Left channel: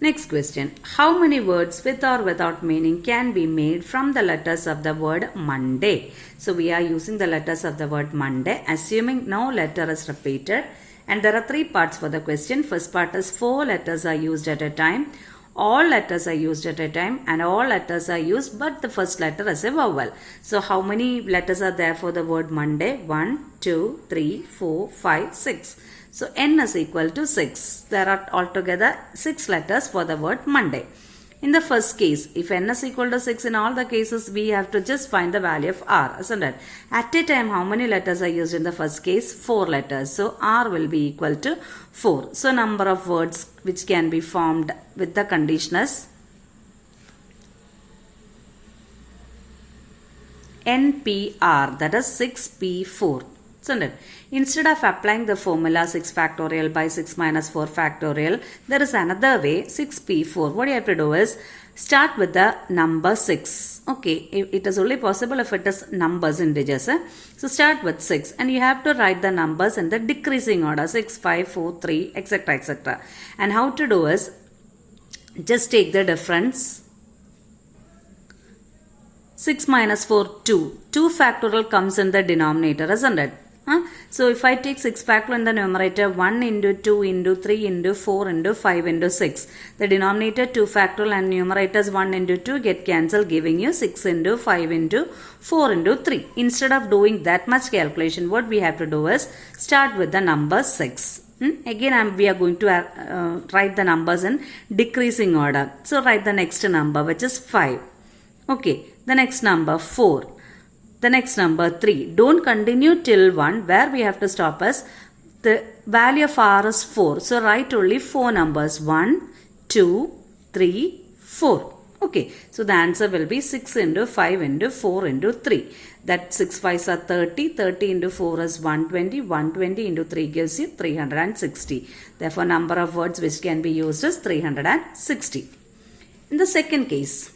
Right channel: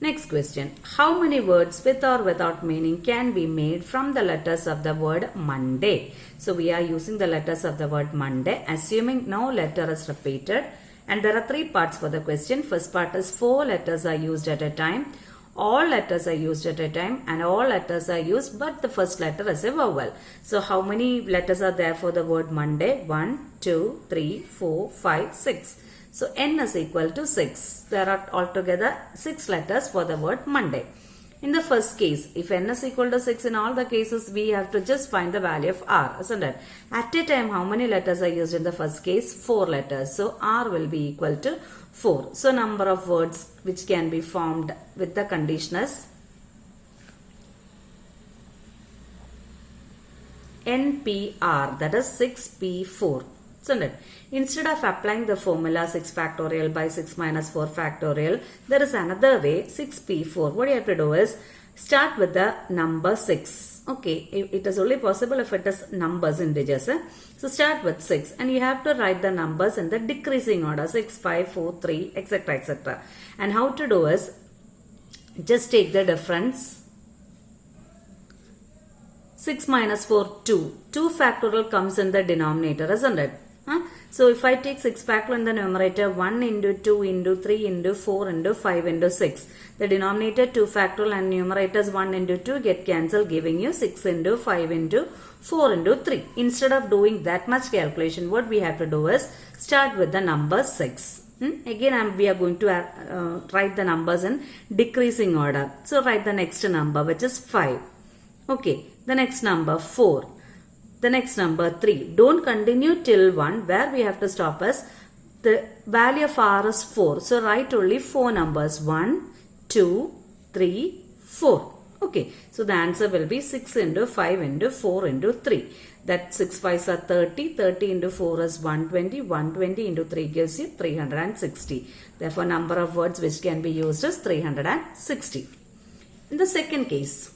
Next question. How many words with or without meaning can be made from the letters of the word Monday? So we are using the letters of the word Monday, assuming no letter is repeated. And there are three parts for the question. First part is 4 letters are used at a time. All letters are used at a time and all letters are used but the first letter is a vowel. So how many letters are there for the word Monday? 1, 2, 3, 4, 5, 6. So n is equal to 6. There are altogether 6 letters for the word Monday. In the first case, if n is equal to 6, in all the cases we have to just find the value of r, isn't it? At a time, how many letters are used in the first case? 4 letters. So r will be equal to 4. So number of words which can be formed with the condition is NPR, that is 6P4. Isn't it? Instead of applying the formula 6 factorial by 6 minus 4 factorial, there is another way, 6P4. What you have to do is start with the number 6. Okay, it is only possible if it is numbers, integers. So start with 6 and you have to write the numbers in the decreasing order, 6, 5, 4, 3, etc. etc. And how to do is just take the difference. 6 minus 4, 2. 2 factorial comes in the denominator, isn't it? So if I take 6 factorial in the numerator, 1 into 2 into 3 into 4 into 5 into 6. The denominator 2 factorial and numerators 1 into 2 get cancelled, giving you 6 into 5 into 4 into 3. Instead of doing that much calculation, what we have to do is start with the number 6. Again we are going to write the numbers in decreasing order. So write the next number, which is 5. Okay, the next number 4. The next number 3. Don't continue till 1. Where we have to stop is the value of r is 4. So write only 4 numbers. 1, 2, 3, 4. Okay. So the answer will be 6 into 5 into 4 into 3. That 6 5s are 30. 30 into 4 is 120. 120 into 3 gives you 360. Therefore, number of words which can be used is 360. In the second case,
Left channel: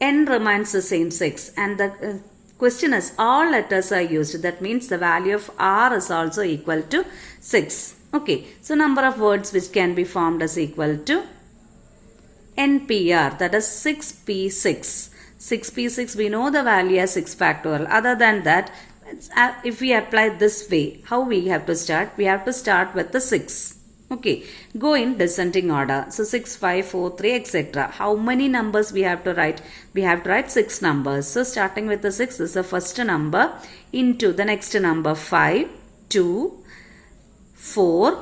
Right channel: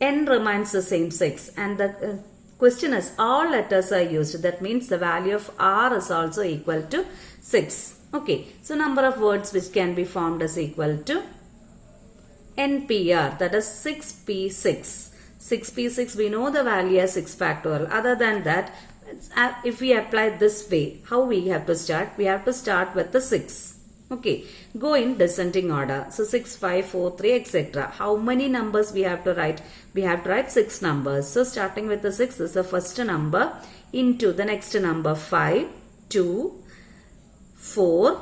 n remains the same 6 and the question is all letters are used. That means the value of r is also equal to 6. Okay, so number of words which can be formed is equal to NPR, that is 6P6. 6P6, we know the value as 6 factorial. Other than that, if we apply this way, how we have to start? We have to start with the 6. Okay, go in descending order. So 6, 5, 4, 3, etc. How many numbers we have to write? We have to write 6 numbers. So starting with the 6 is the first number into the next number 5, 2, 4,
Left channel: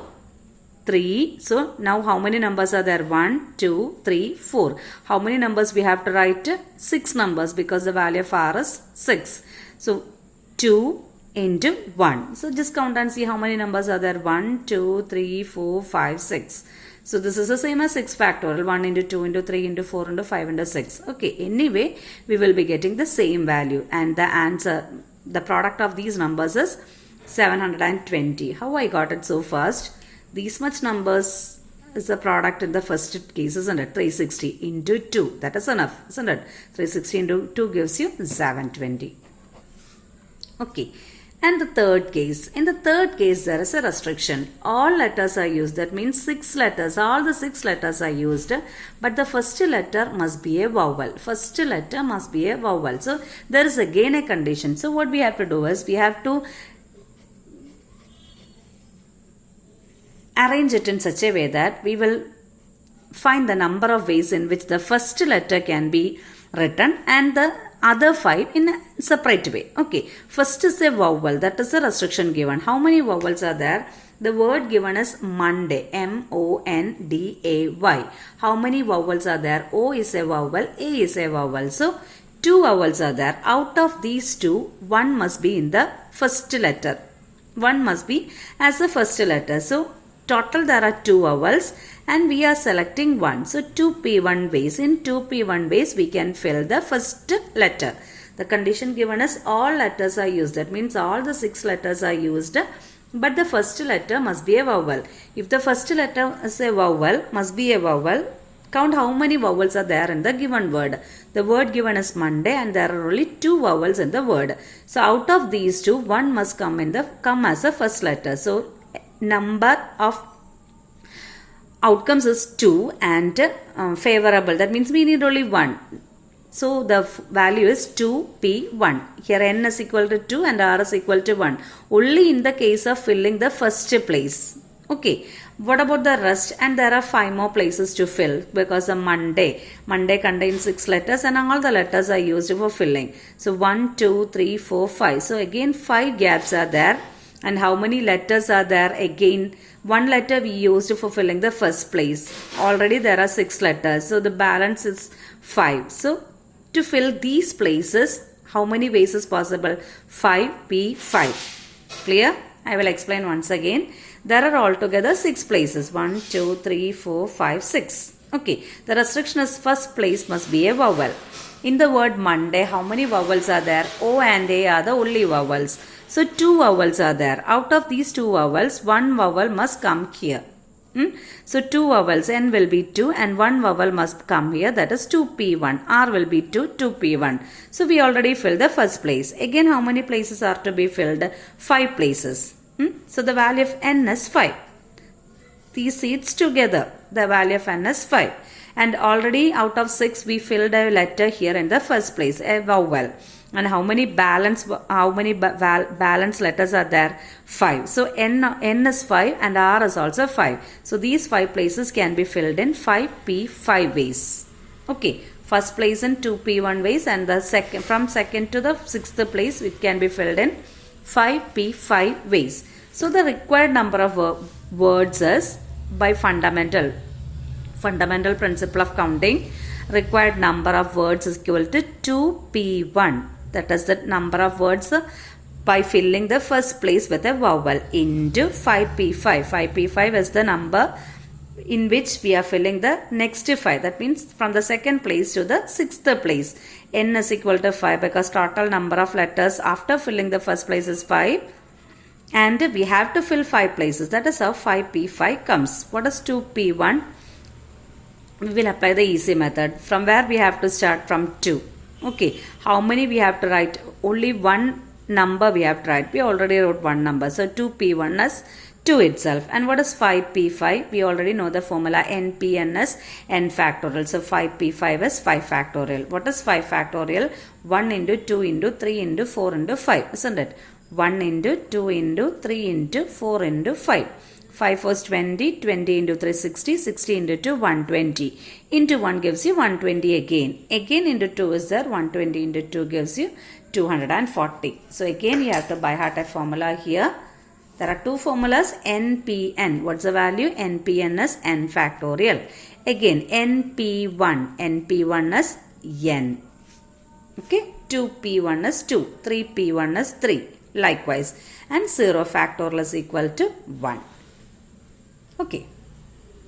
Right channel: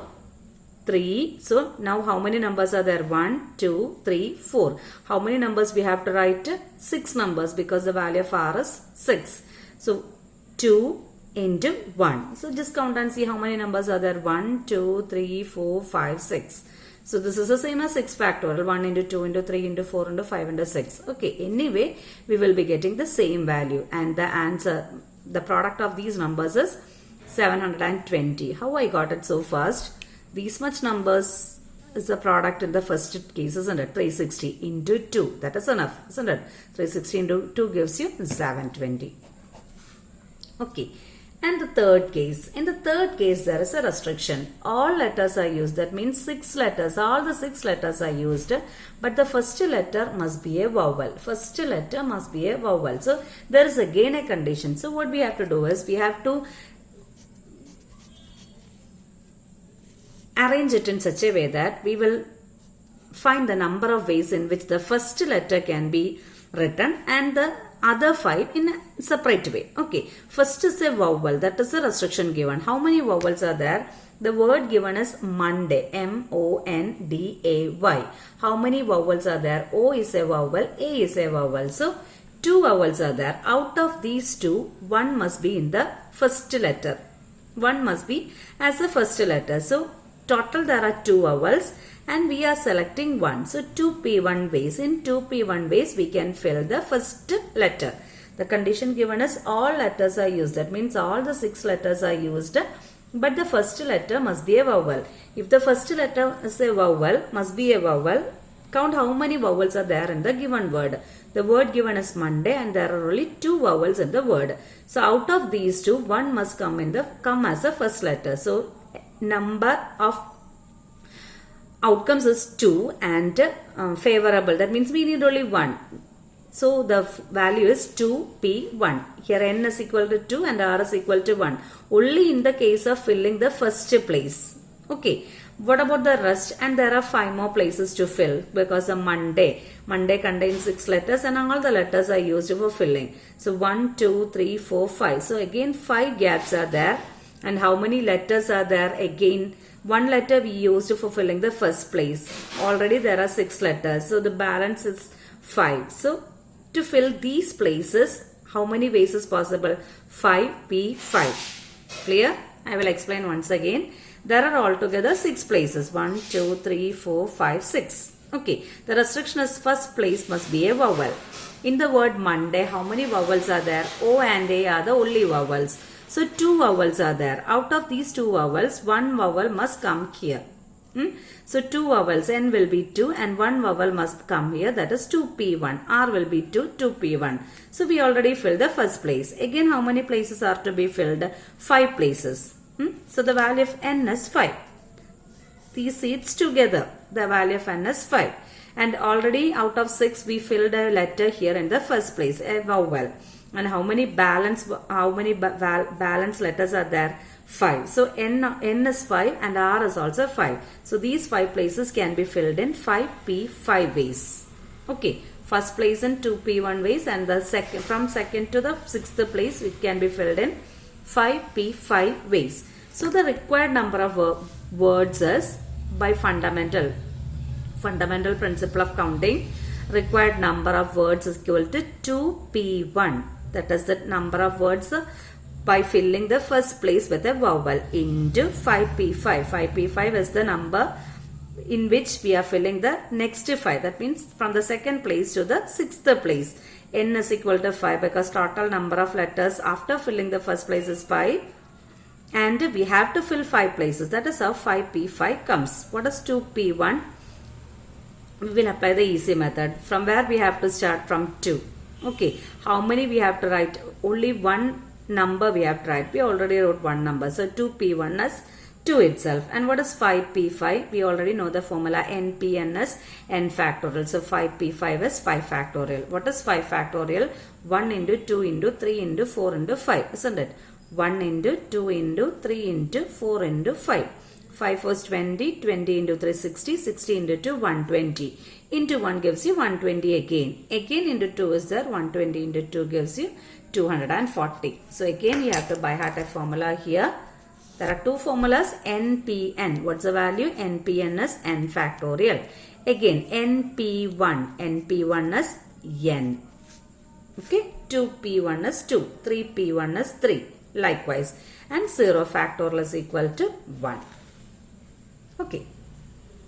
3. So now how many numbers are there? 1, 2, 3, 4. How many numbers we have to write? 6 numbers because the value of r is 6. So 2 into 1. So just count and see how many numbers are there. 1, 2, 3, 4, 5, 6. So this is the same as 6 factorial. 1 into 2 into 3 into 4 into 5 into 6. Okay, anyway, we will be getting the same value. And the answer, the product of these numbers is 720. How I got it so fast? These much numbers is the product in the first case, isn't it? 360 into 2. That is enough, isn't it? 360 into 2 gives you 720. Okay. And the third case. In the third case, there is a restriction. All letters are used. That means 6 letters. All the 6 letters are used. But the first letter must be a vowel. First letter must be a vowel. So, there is again a condition. So, what we have to do is, we have to arrange it in such a way that we will find the number of ways in which the first letter can be written and the other 5 in a separate way. Okay, first is a vowel. That is the restriction given. How many vowels are there? The word given is Monday. M-O-N-D-A-Y. How many vowels are there? O is a vowel. A is a vowel. So, 2 vowels are there. Out of these 2, 1 must be in the first letter. 1 must be as the first letter. So, total there are 2 vowels. And we are selecting 1. So 2P1 ways. In 2P1 ways, we can fill the first letter. The condition given is all letters are used. That means all the 6 letters are used. But the first letter must be a vowel. If the first letter is a vowel, must be a vowel. Count how many vowels are there in the given word. The word given is Monday and there are only 2 vowels in the word. So out of these 2, 1 must come as a first letter. So number of outcomes is 2 and favorable. That means we need only 1. So the value is 2p1. Here n is equal to 2 and r is equal to 1. Only in the case of filling the first place. Okay. What about the rest? And there are 5 more places to fill because of Monday. Monday contains 6 letters and all the letters are used for filling. So 1, 2, 3, 4, 5. So again 5 gaps are there. And how many letters are there? Again 1 letter we used for filling the first place. Already there are 6 letters. So the balance is 5. So to fill these places, how many ways is possible? 5p5. Clear? I will explain once again. There are altogether 6 places. 1, 2, 3, 4, 5, 6. Okay. The restriction is first place must be a vowel. In the word Monday, how many vowels are there? O and A are the only vowels. So 2 vowels are there. Out of these 2 vowels, 1 vowel must come here. So 2 vowels, N will be 2 and 1 vowel must come here, that is 2p1. R will be 2, 2p1. So we already filled the first place. Again, how many places are to be filled? 5 places. So the value of N is 5. These seats together, the value of N is 5. And already out of 6, we filled a letter here in the first place, a vowel. And how many balance letters are there? 5. So N is 5 and R is also 5. So these 5 places can be filled in 5p5 ways. Okay. First place in 2p1 ways and the second, from second to the 6th place, it can be filled in 5p5 ways. So the required number of words is by fundamental principle of counting. Required number of words is equal to 2p1. That is the number of words by filling the first place with a vowel into 5p5. 5p5 is the number in which we are filling the next 5. That means from the second place to the 6th place. N is equal to 5 because total number of letters after filling the first place is 5. And we have to fill 5 places. That is how 5p5 comes. What is 2p1? We will apply the easy method. From where we have to start? From 2. Okay. How many we have to write? Only one number we have to write. We already wrote one number. So 2p1 is 2 itself. And what is 5p5? We already know the formula. npn is n factorial. So 5p5 is 5 factorial. What is 5 factorial? 1 into 2 into 3 into 4 into 5. Isn't it? 1 into 2 into 3 into 4 into 5. 5 was 20, 20 into 3 60, 60 into 2 120. Into 1 gives you 120 again. Again into 2 is there, 120 into 2 gives you 240. So again you have to by heart a formula here. There are 2 formulas, npn. What's the value? npn is n factorial. Again np1. np1 is n. Okay, 2p1 is 2, 3p1 is 3. Likewise, and 0 factorial is equal to 1. Okay.